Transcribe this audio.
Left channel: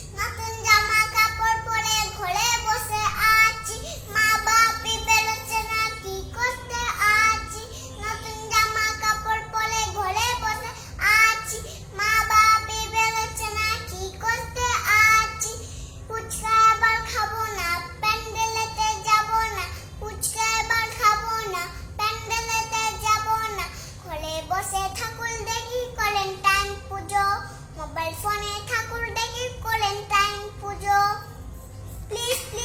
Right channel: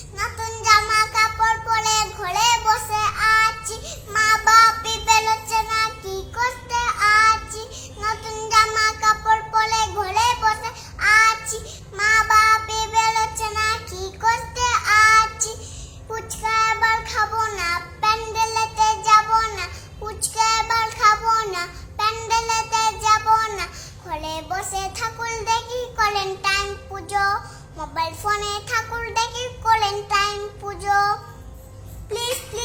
নতুন জামা কাপড় পরে ঘরে বসে আছি, মা বাপি বেরোচ্ছে না কি করতে আছি। নতুন জামা কাপড় পরে ঘরে বসে আছি, মা বাপি বেরোচ্ছে না কি করতে আছি। ফুচকা এবার খাবো না, প্যান্ডেলেতে যাবো না। ফুচকা এবার খাবো না, প্যান্ডেলেতে যাবো না। ঘরে বসে ঠাকুর দেখি, করেন টাইম পুজো। মোবাইল ফোনে ঠাকুর দেখি, করেন টাইম পুজো। প্লিজ